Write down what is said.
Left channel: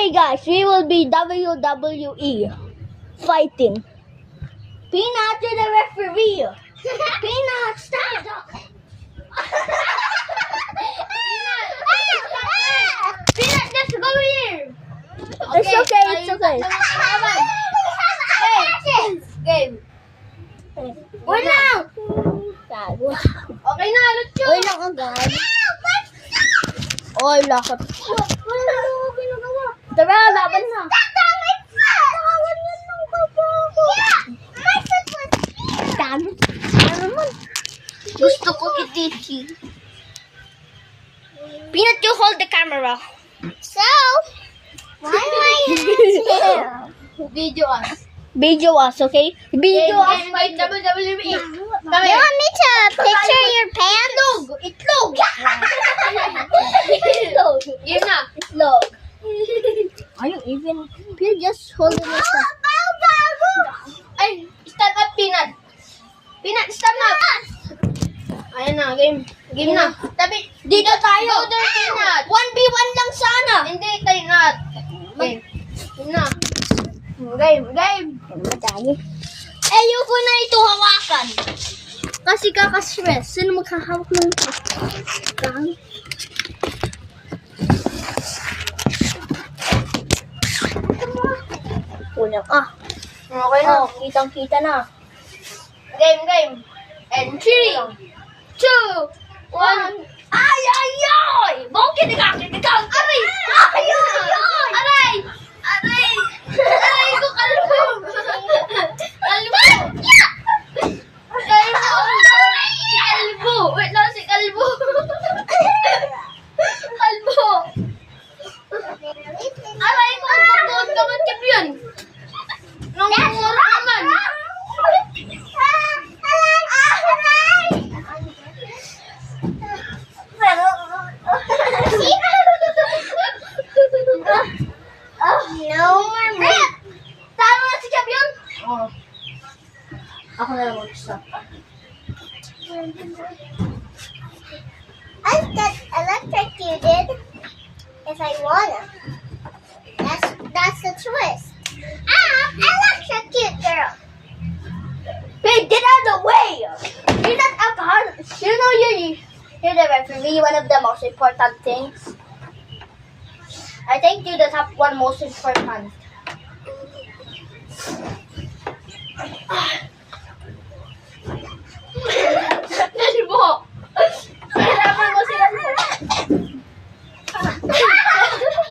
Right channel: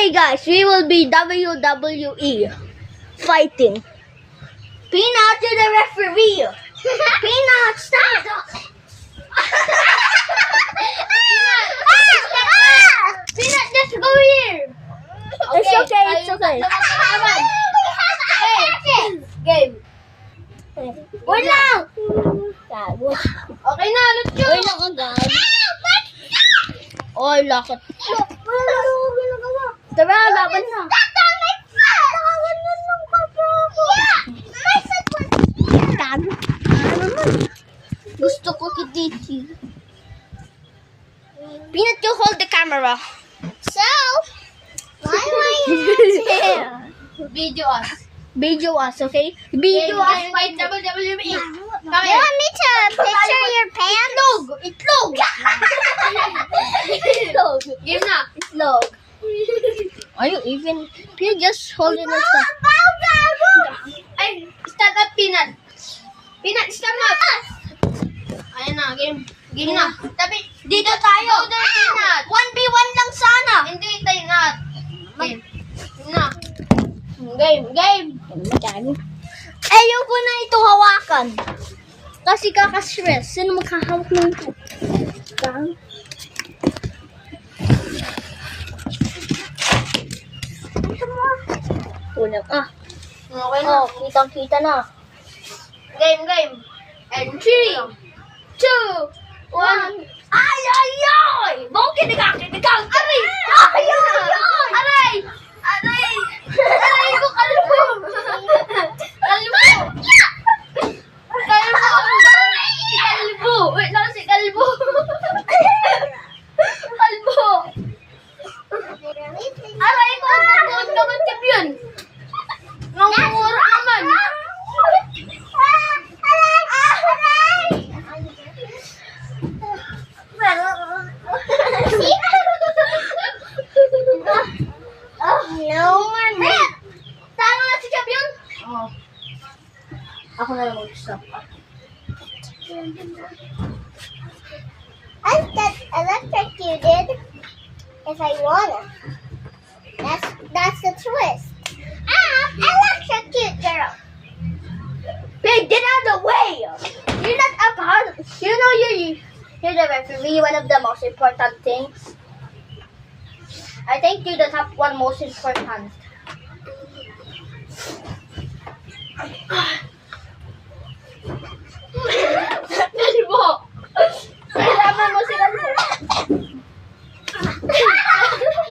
Today, guys, we will be WWE fighting. Peanut, you're the referee. Peanut, stop. Peanut, just go here. It's okay, it's okay. Game. Wait lang. Okay na, let's go. Wait lang agad. Oy, lakot. Tara, laban na. Dami. Ano naman? Gusto ko kititi. Peanut, you hold the camera. So, why am I here? Video us. Video us, okay? Video us. Fight WWE. You want me to picture your pants? Itlog. Itlog. Game na. Itlog. Are you even? You're just holding it up. Ay, stand up, Peanut. Peanut, stand up. Ayan na, game. Game na. Tabi, dito tayo. Peanut. 1v1 lang sana. Hindi, tayo na. Game. Game na. Game, game. Ayoko na ito hawakan. Kasi kaka-stress. Sino maghahawak ng ito? Kulang. Okay na. Oh, kitang-kita na. Game, game. And 3, 2, 1. Ay, ay, ay! Bukit ka, kinigang. Aray! Ay, ay, ay! Aray! Aray! Aray ko, kalbo! Kalbo! Kalbo! Kalbo! Wait lang si kalbo! Kalbo! Aray ko, kalbo! Kaman champion! Nangungura naman! No more milk. Tama na si champion? Oh. Ako na lang mag-isa. I'll get electrocuted if I wanna. That's the twist. I'm electrocute girl. Hey, get out of the way! You're not a part of it. You know you're the referee, one of the most important things. I think you're the top one most important.